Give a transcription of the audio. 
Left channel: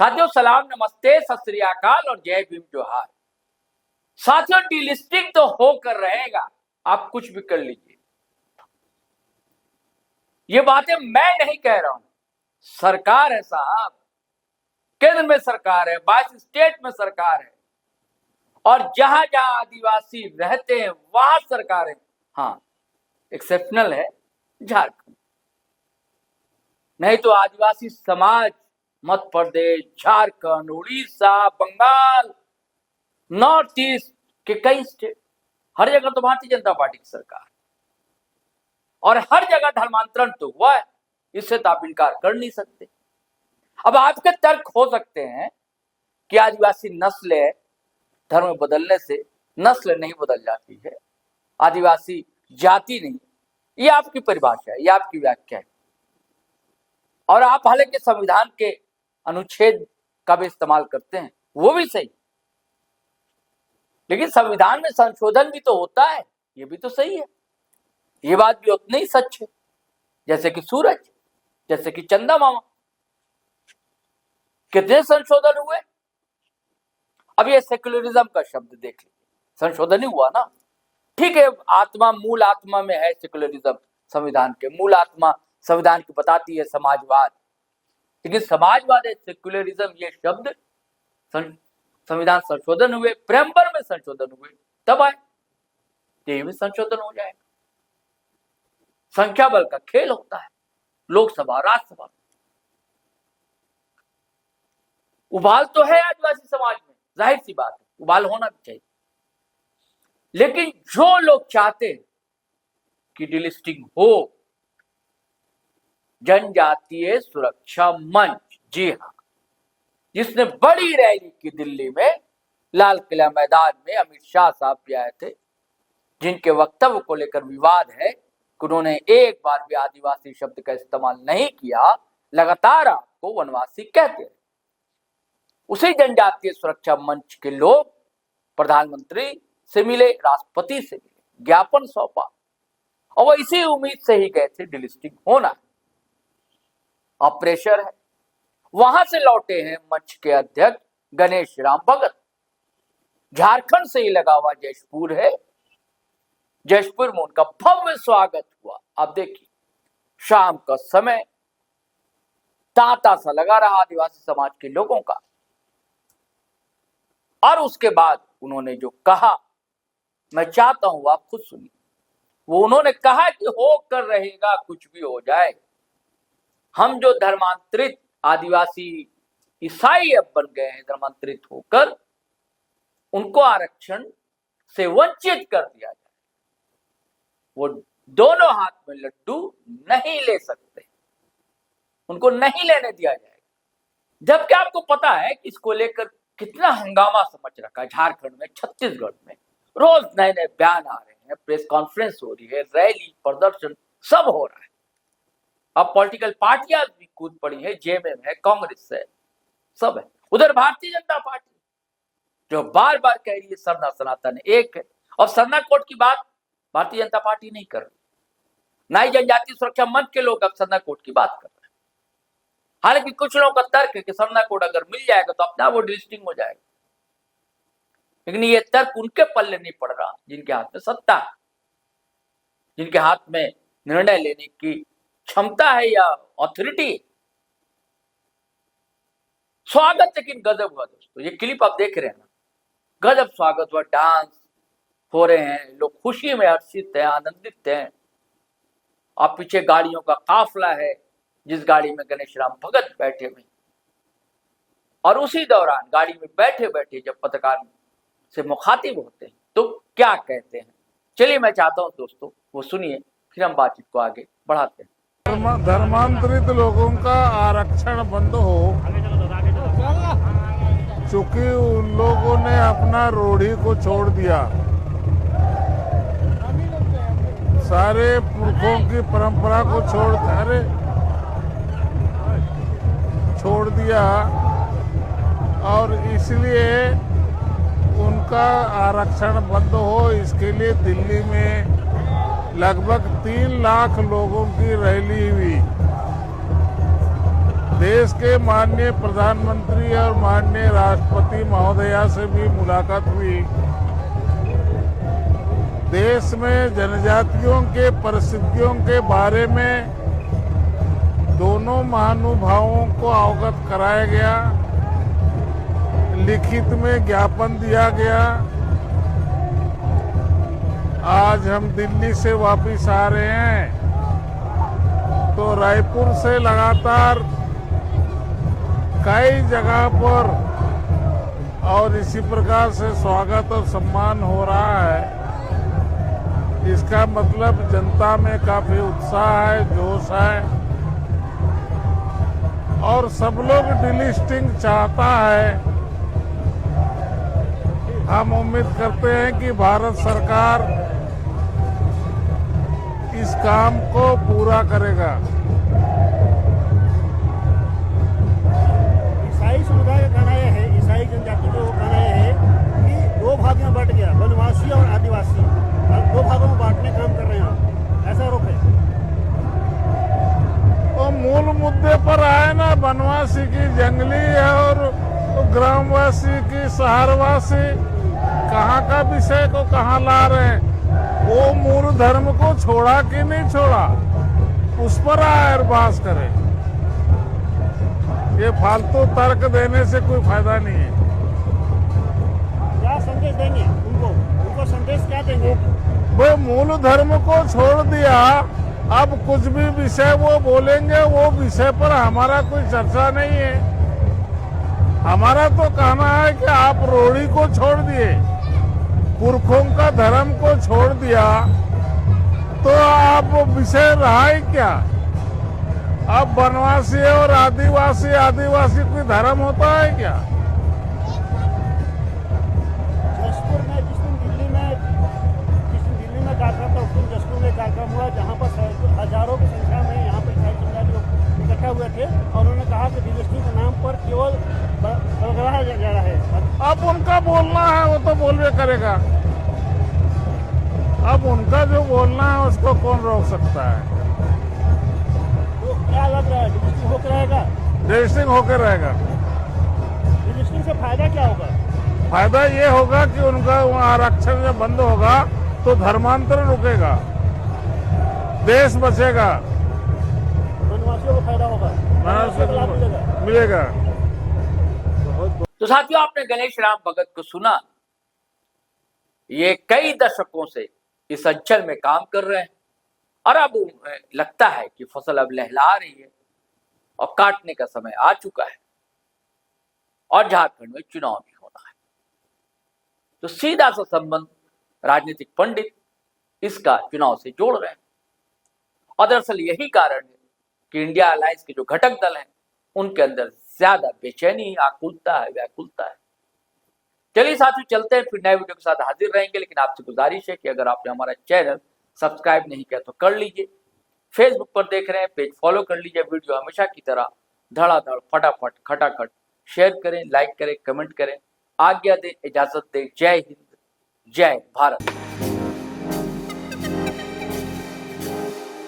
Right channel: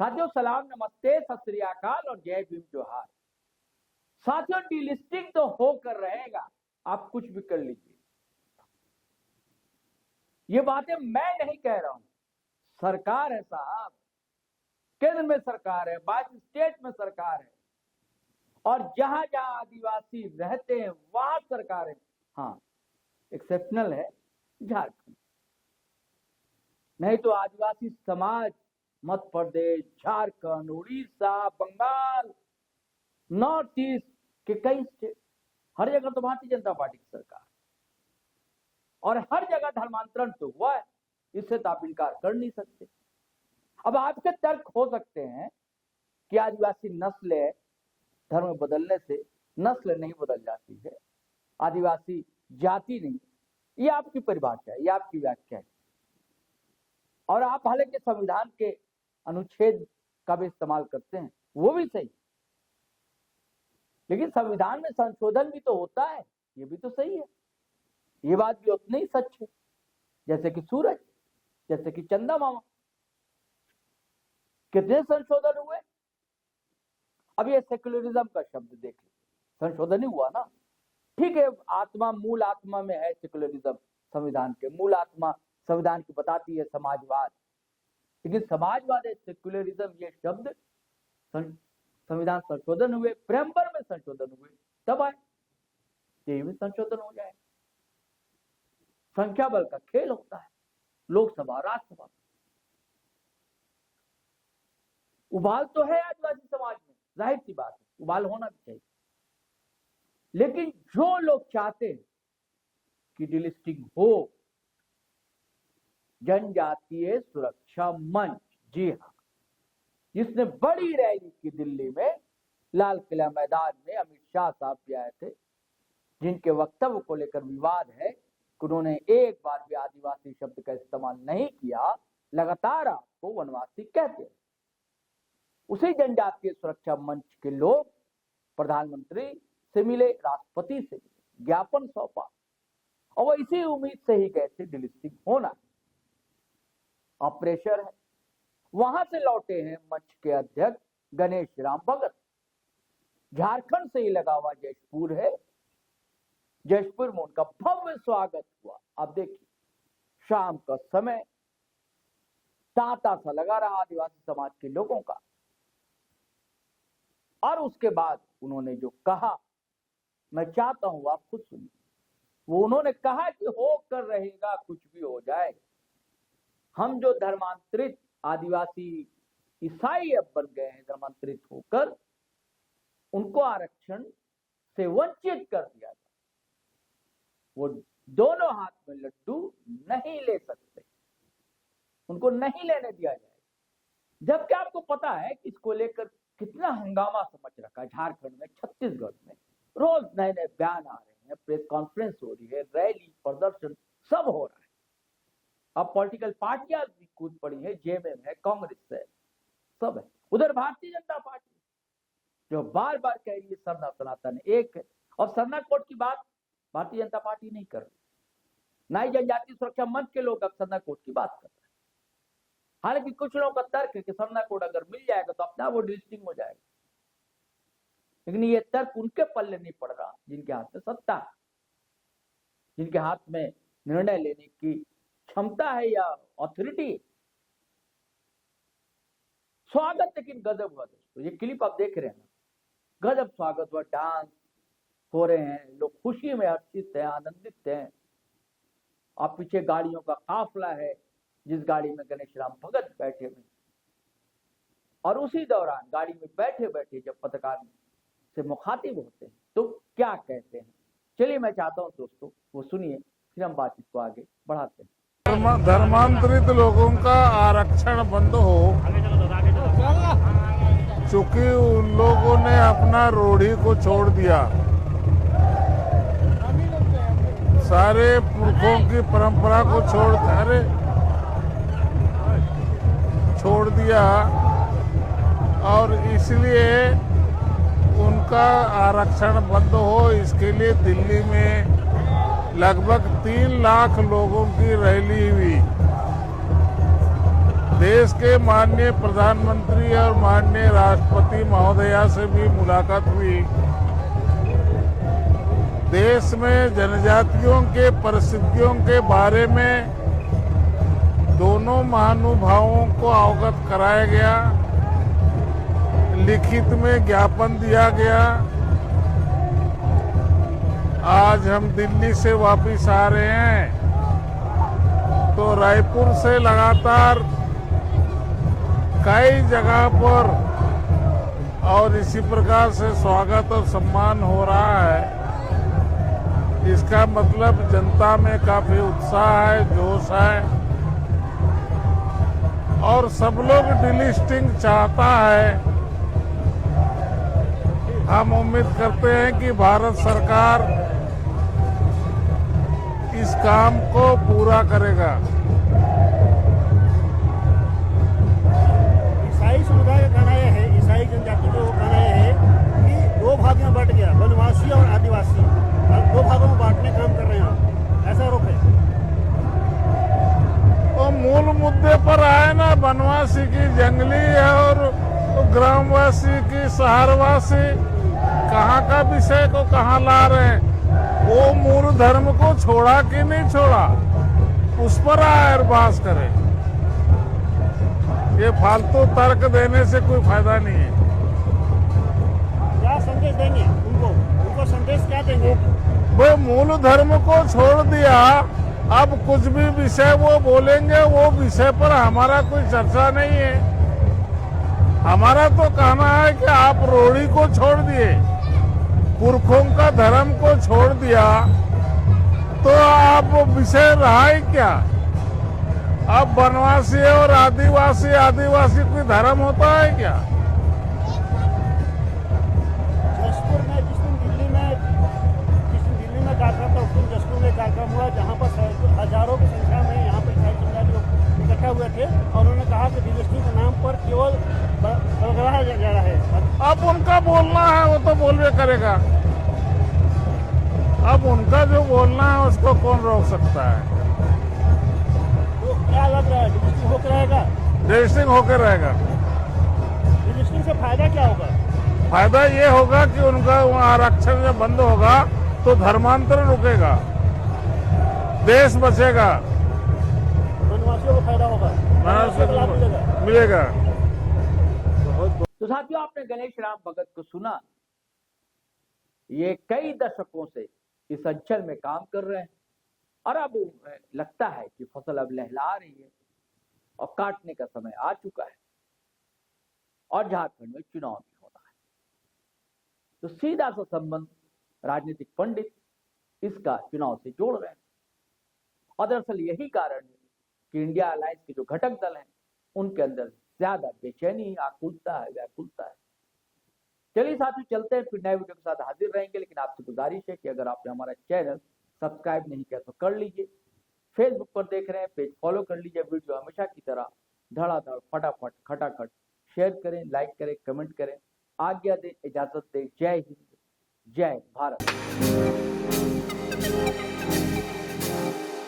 साथियों सलाम, नमस्ते, सत श्री अकाल और जय भीम जोहार। साथियों डीलिस्टिंग तो होकर रहेगा, आप कुछ भी कर लीजिए। ये बातें मैं नहीं कह रहा हूं, सरकार है साहब, केंद्र में सरकार है, 22 स्टेट में सरकार है और जहां जहां आदिवासी रहते हैं वहां सरकार है। हाँ, एक्सेप्शनल है झारखंड, नहीं तो आदिवासी समाज मध्य प्रदेश, झारखंड, उड़ीसा, बंगाल, नॉर्थ ईस्ट के कई स्टेट, हर जगह तो भारतीय जनता पार्टी की सरकार और हर जगह धर्मांतरण तो हुआ है, इससे तो आप इनकार कर नहीं सकते। अब आपके तर्क हो सकते हैं कि आदिवासी नस्ल है, धर्म बदलने से नस्ल नहीं बदल जाती है, आदिवासी जाति नहीं, ये आपकी परिभाषा है, ये आपकी व्याख्या है और आप हालांकि संविधान के अनुच्छेद का भी इस्तेमाल करते हैं, वो भी सही, लेकिन संविधान में संशोधन भी तो होता है, ये भी तो सही है। ये बात भी उतनी ही सच है जैसे कि सूरज, जैसे कि चंदा मामा। कितने संशोधन हुए? अब ये सेक्युलरिज्म का शब्द देख लीजिए, संशोधन ही हुआ ना। ठीक है, आत्मा, मूल आत्मा में है सेक्युलरिज्म, संविधान के मूल आत्मा संविधान की बताती है समाजवाद, लेकिन समाजवाद है सेक्युलरिज्म, ये शब्द संविधान संशोधन हुए, प्रेम्बर में संशोधन हुए, तब आए, ये भी संशोधन हो जाएगा। संख्या बल का खेल होता है, लोकसभा, राज्यसभा, उबाल तो है आदिवासी समाज में, जाहिर सी बात है, उबाल होना भी चाहिए, लेकिन जो लोग चाहते हैं कि डिलिस्टिंग हो, जनजातीय सुरक्षा मंच, जी हाँ, जिसने बड़ी रैली की दिल्ली में, लाल किला मैदान में अमित शाह साहब भी आए थे, जिनके वक्तव्य को लेकर विवाद है कि उन्होंने एक बार भी आदिवासी शब्द का इस्तेमाल नहीं किया, लगातार आपको वनवासी कहते हैं। उसी जनजातीय सुरक्षा मंच के लोग प्रधानमंत्री से मिले, राष्ट्रपति से मिले, ज्ञापन सौंपा और वो इसी उम्मीद से ही गए थे डिलिस्टिंग होना। अब प्रेशर है, वहां से लौटे हैं मंच के अध्यक्ष गणेश राम भगत, झारखंड से ही लगा हुआ जशपुर है, जशपुर में उनका भव्य स्वागत हुआ। आप देखिए, शाम का समय तांता सा लगा रहा आदिवासी समाज के लोगों का, और उसके बाद उन्होंने जो कहा, मैं चाहता हूं आप खुद सुनिए। वो उन्होंने कहा कि हो कर रहेगा, कुछ भी हो जाए, हम जो धर्मांतरित आदिवासी ईसाई अब बन गए हैं, धर्मांतरित होकर उनको आरक्षण से वंचित कर दिया जाए, वो दोनों हाथ में लड्डू नहीं ले सकते, उनको नहीं लेने दिया जाएगा। जबकि आपको पता है कि इसको लेकर कितना हंगामा समझ रखा है झारखंड में, छत्तीसगढ़ में, रोज नए नए बयान आ रहे हैं, प्रेस कॉन्फ्रेंस हो रही है, रैली, प्रदर्शन सब हो रहा है। अब पॉलिटिकल पार्टियां भी कूद पड़ी है, जेएमएम है, कांग्रेस है, सब है। उधर भारतीय जनता पार्टी जो बार बार कह रही है सरना सनातन एक है, और सरना कोड की बात भारतीय जनता पार्टी नहीं कर रही, ना ही जनजातीय सुरक्षा मंच के लोग अब सरना कोड की बात कर रहे हैं। हालांकि कुछ लोगों का तर्क है कि सरना कोड अगर मिल जाएगा तो अपना वो डिलिस्टिंग हो जाएगा, लेकिन ये तर्क उनके पल्ले नहीं पड़ रहा जिनके हाथ में सत्ता है, जिनके हाथ में निर्णय लेने की क्षमता है या ऑथोरिटी। स्वागत लेकिन गजब हुआ दोस्तों, ये क्लिप आप देख रहे हैं ना, गजब स्वागत हुआ, डांस हो रहे हैं, लोग खुशी में हर्षित हैं, आनंदित हैं। आप पीछे गाड़ियों का काफिला है, जिस गाड़ी में गणेश राम भगत बैठे हुए, और उसी दौरान गाड़ी में बैठे बैठे जब पत्रकार से मुखातिब होते हैं तो क्या कहते हैं, चलिए मैं चाहता हूं दोस्तों वो सुनिए, फिर हम बातचीत को आगे बढ़ाते हैं। धर्मांतरित लोगों का आरक्षण बंद हो, चूंकि उन लोगों ने अपना रूढ़ी को छोड़ दिया, सारे पुरखों की परंपरा को छोड़ दिया, और इसलिए उनका आरक्षण बंद हो, इसके लिए दिल्ली में लगभग 3 लाख लोगों की रैली हुई। देश के माननीय प्रधानमंत्री और माननीय राष्ट्रपति महोदया से भी मुलाकात हुई। देश में जनजातियों के परिस्थितियों के बारे में दोनों महानुभावों को अवगत कराया गया, लिखित में ज्ञापन दिया गया। आज हम दिल्ली से वापस आ रहे हैं तो रायपुर से लगातार कई जगह पर और इसी प्रकार से स्वागत और सम्मान हो रहा है। इसका मतलब जनता में काफी उत्साह है, जोश है और सब लोग डिलिस्टिंग चाहता है। हम उम्मीद करते हैं कि भारत सरकार इस काम को पूरा करेगा। ईसाई समुदाय का कहना यह है, ईसाई जनजाति का कहना यह है कि दो भाग में बंट गया, वनवासी और आदिवासी। दो भागों में बांटने काम कर रहे हैं आप, ऐसा आरोप है। तो मूल मुद्दे पर आए ना, वनवासी की जंगली है और ग्रामवासी की शहरवासी, कहाँ का विषय को कहाँ ला रहे हैं। वो मूल धर्म को छोड़ा कि नहीं छोड़ा, उस पर आयर बहस करे। ये फालतू तर्क देने से कोई फायदा नहीं है। क्या संदेश देंगे उनको संदेश क्या देंगे? वो मूल धर्म को छोड़ दिया, अब कुछ भी विषय वो बोलेंगे, वो विषय पर हमारा कोई चर्चा नहीं है। हमारा तो कहना है कि आप रोड़ी को छोड़ दिए, पुरखों का धर्म को छोड़ दिया, तो आप विषय रहा ही क्या? अब वनवासी और आदिवासी कोई धर्म होता है क्या? जसपुर में जिस दिन दिल्ली में कार्यक्रम था, उस दिन जसपुर में कार्यक्रम हुआ जहाँ पर हजारों की संख्या में यहाँ पर ईसाई समुदाय लोग इकट्ठा हुए थे और उन्होंने कहा कि डिलिस्टिंग के नाम पर केवल बरगराहा जा रहा है। अब उनका बोलना है, वो तो बोलवे करेगा। अब उनका जो बोलना है उसको कौन रोक सकता है? तो क्या लग रहा है, डिलिस्टिंग होकर रहेगा? डिलिस्टिंग होकर रहेगा। डिलिस्टिंग से फायदा क्या होगा? फायदा ये होगा कि उनका वहाँ आरक्षण जब बंद होगा तो धर्मांतरण रुकेगा, देश बचेगा, वनवासियों को फायदा होगा, लाभ मिलेगा। तो साथियों, आपने गणेश राम भगत को सुना। ये कई दशकों से इस अंचल में काम कर रहे हैं और अब लगता है कि फसल अब लहला रही है और काटने का समय आ चुका है और झारखंड में चुनाव भी होना है। तो सीधा सा संबंध राजनीतिक पंडित इसका चुनाव से जोड़ रहे हैं और दरअसल यही कारण है कि इंडिया अलायंस के जो घटक दल हैं उनके अंदर ज्यादा बेचैनी, आकुलता है, व्याकुलता है। चलिए साथियों, चलते हैं, फिर नए वीडियो के साथ हाजिर रहेंगे। लेकिन आपसे गुजारिश है कि अगर आपने हमारा चैनल सब्सक्राइब नहीं किया तो कर लीजिए। फेसबुक पर देख रहे हैं, पेज फॉलो कर लीजिए। वीडियो हमेशा की तरह धड़ाधड़, फटाफट, खटाखट शेयर करें, लाइक करें, कमेंट करें। आज्ञा दें, इजाजत दें। जय हिंद, जय भारत।